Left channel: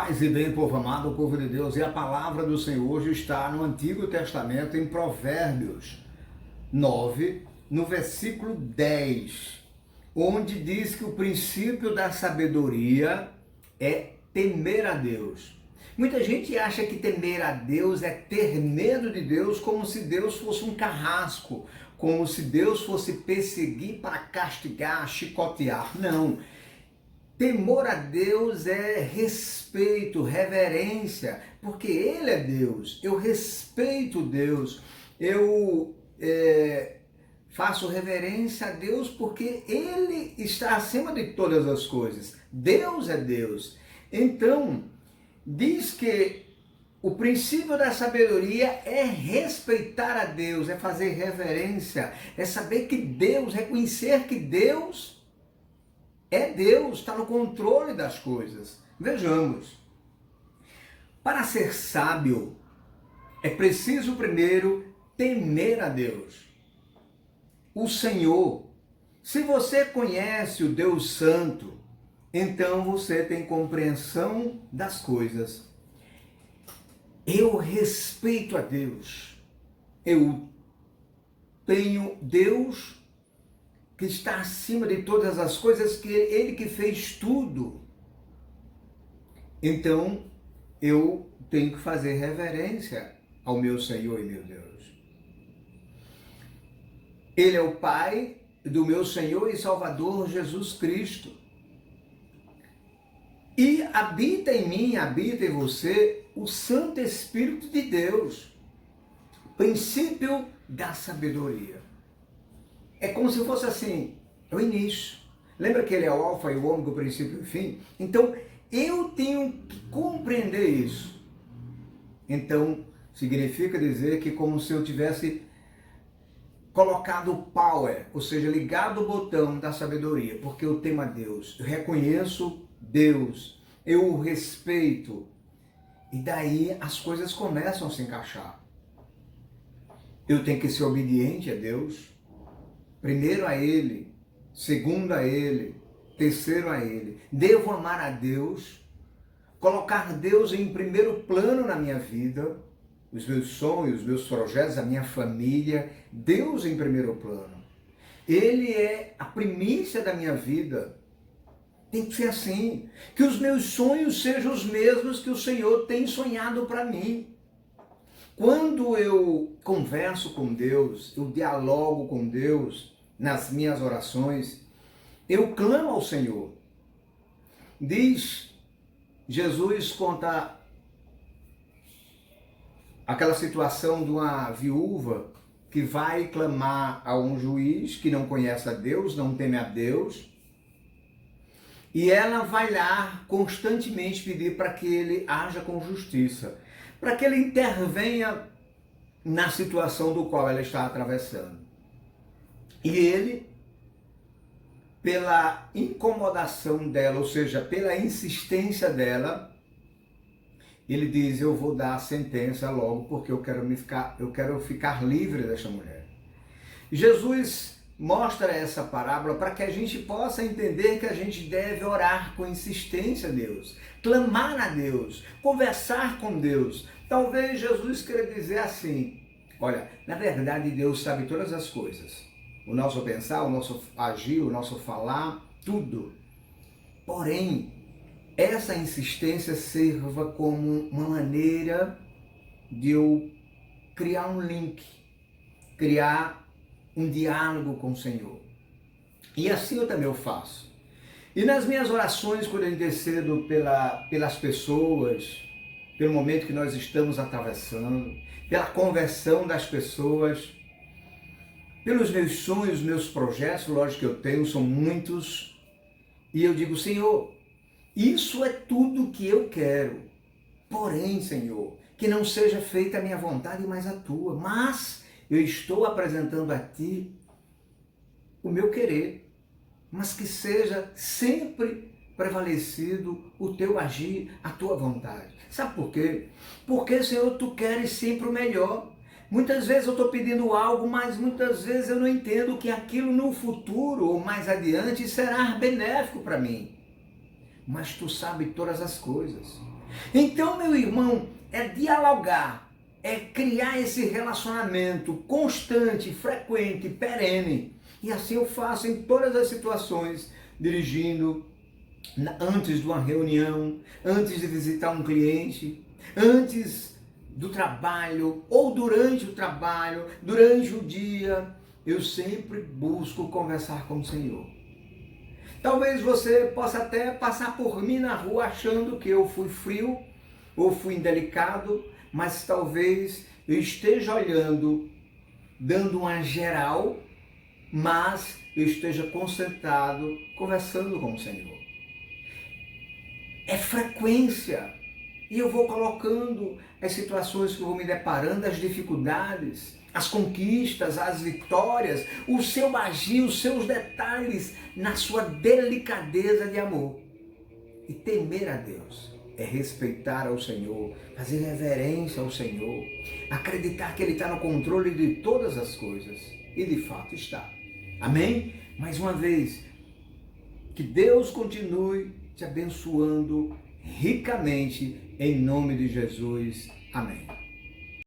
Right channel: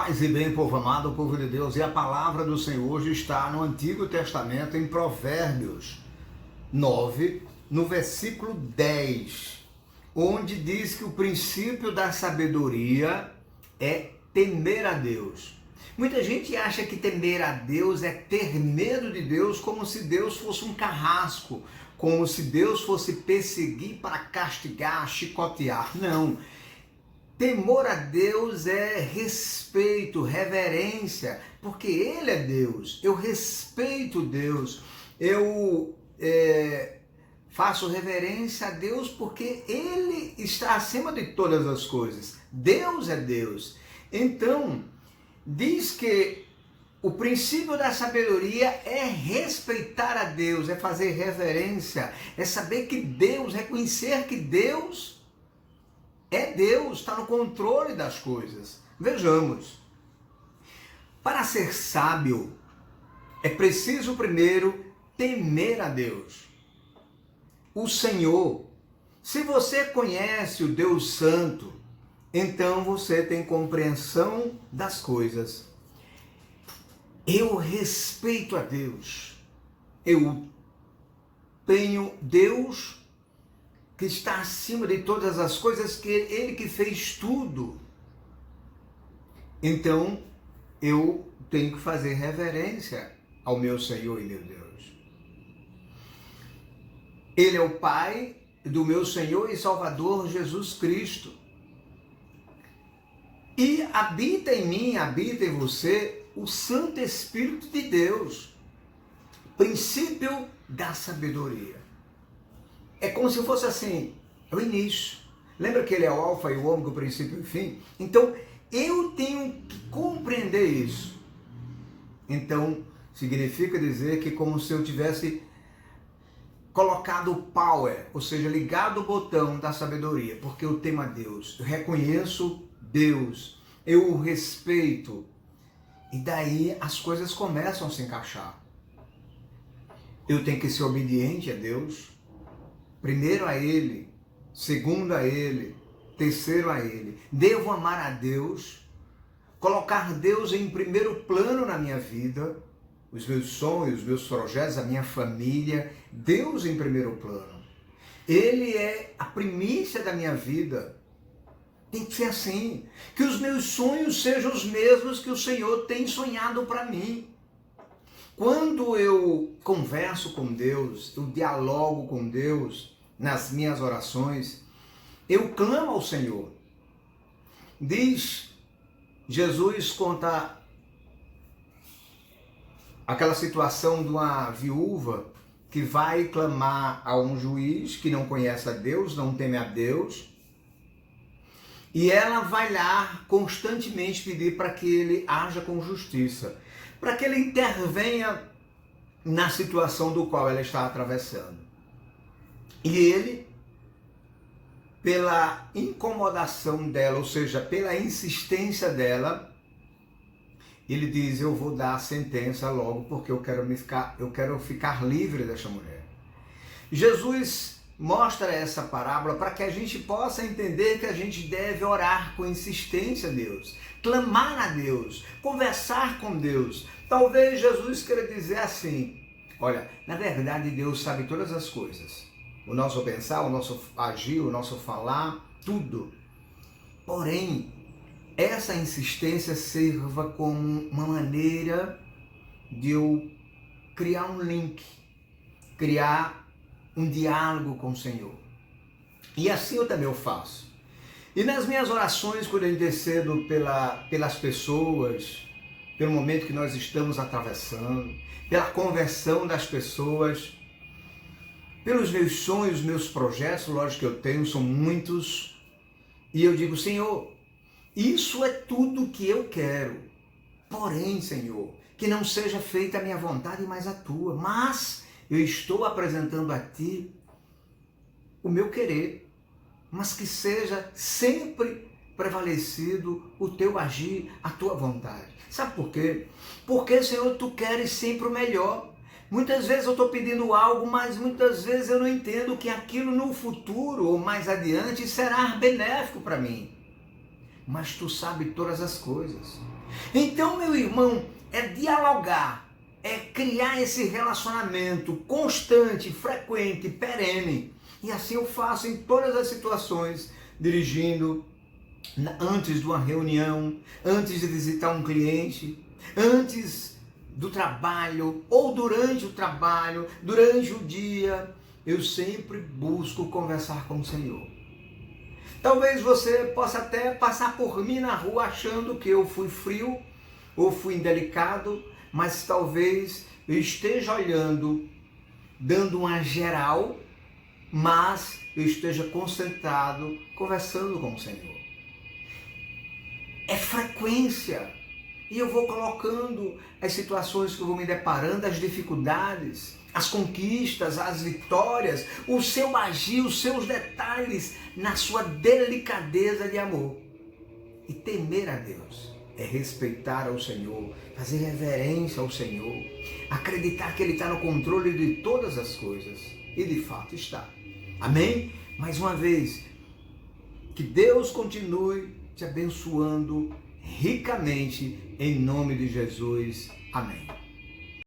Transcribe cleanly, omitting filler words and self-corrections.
Paz e bem, povo amado, povo de Deus, e a palavra do Senhor hoje está no Antigo Testamento, em Provérbios 9, no versículo 10, onde diz que o princípio da sabedoria é temer a Deus. Muita gente acha que temer a Deus é ter medo de Deus, como se Deus fosse um carrasco, como se Deus fosse perseguir para castigar, chicotear. Não. Temor a Deus é respeito, reverência, porque Ele é Deus. Eu respeito Deus, eu faço reverência a Deus porque Ele está acima de todas as coisas. Deus é Deus. Então, diz que o princípio da sabedoria é respeitar a Deus, é fazer reverência, é saber que Deus, reconhecer que Deus é Deus, está no controle das coisas. Vejamos, para ser sábio, é preciso primeiro temer a Deus, o Senhor. Se você conhece o Deus Santo, então você tem compreensão das coisas. Eu respeito a Deus, eu tenho Deus que está acima de todas as coisas, que Ele que fez tudo. Então, eu tenho que fazer reverência ao meu Senhor e meu Deus. Ele é o Pai do meu Senhor e Salvador Jesus Cristo. E habita em mim, habita em você, o Santo Espírito de Deus. Princípio da sabedoria. É como se fosse assim, é o início. Lembra que ele é o alfa e o ômega, o princípio e o fim? Então, eu tenho que compreender isso. Então, significa dizer que como se eu tivesse colocado o power, ou seja, ligado o botão da sabedoria, porque eu temo a Deus, eu reconheço Deus, eu o respeito, e daí as coisas começam a se encaixar. Eu tenho que ser obediente a Deus, primeiro a Ele, segundo a Ele, terceiro a Ele. Devo amar a Deus, colocar Deus em primeiro plano na minha vida, os meus sonhos, os meus projetos, a minha família, Deus em primeiro plano. Ele é a primícia da minha vida. Tem que ser assim, que os meus sonhos sejam os mesmos que o Senhor tem sonhado para mim. Quando eu converso com Deus, eu dialogo com Deus nas minhas orações, eu clamo ao Senhor. Diz, Jesus conta aquela situação de uma viúva que vai clamar a um juiz que não conhece a Deus, não teme a Deus, e ela vai lá constantemente pedir para que ele haja com justiça, para que ele intervenha na situação do qual ela está atravessando. E ele, pela incomodação dela, ou seja, pela insistência dela, ele diz, eu vou dar a sentença logo, porque eu quero ficar livre desta mulher. Jesus mostra essa parábola para que a gente possa entender que a gente deve orar com insistência a Deus, clamar a Deus, conversar com Deus. Talvez Jesus queira dizer assim, olha, na verdade Deus sabe todas as coisas, o nosso pensar, o nosso agir, o nosso falar, tudo. Porém, essa insistência sirva como uma maneira de eu criar um link, criar um diálogo com o Senhor. E assim eu também faço. E nas minhas orações, quando eu intercedo pelas pessoas, pelo momento que nós estamos atravessando, pela conversão das pessoas, pelos meus sonhos, meus projetos, lógico que eu tenho, são muitos, e eu digo, Senhor, isso é tudo que eu quero. Porém, Senhor, que não seja feita a minha vontade, mas a tua. Mas eu estou apresentando a ti o meu querer, mas que seja sempre prevalecido o teu agir, a tua vontade. Sabe por quê? Porque, Senhor, tu queres sempre o melhor. Muitas vezes eu estou pedindo algo, mas muitas vezes eu não entendo que aquilo no futuro ou mais adiante será benéfico para mim. Mas tu sabes todas as coisas. Então, meu irmão, é dialogar, é criar esse relacionamento constante, frequente, perene. E assim eu faço em todas as situações, dirigindo, antes de uma reunião, antes de visitar um cliente, antes do trabalho ou durante o trabalho, durante o dia, eu sempre busco conversar com o Senhor. Talvez você possa até passar por mim na rua achando que eu fui frio ou fui indelicado, mas talvez eu esteja olhando, dando uma geral, mas eu esteja concentrado, conversando com o Senhor. É frequência. E eu vou colocando as situações que eu vou me deparando, as dificuldades, as conquistas, as vitórias, o seu agir, os seus detalhes, na sua delicadeza de amor. E temer a Deus é respeitar ao Senhor, fazer reverência ao Senhor, acreditar que Ele está no controle de todas as coisas. E de fato está. Amém? Mais uma vez, que Deus continue te abençoando ricamente, em nome de Jesus. Amém.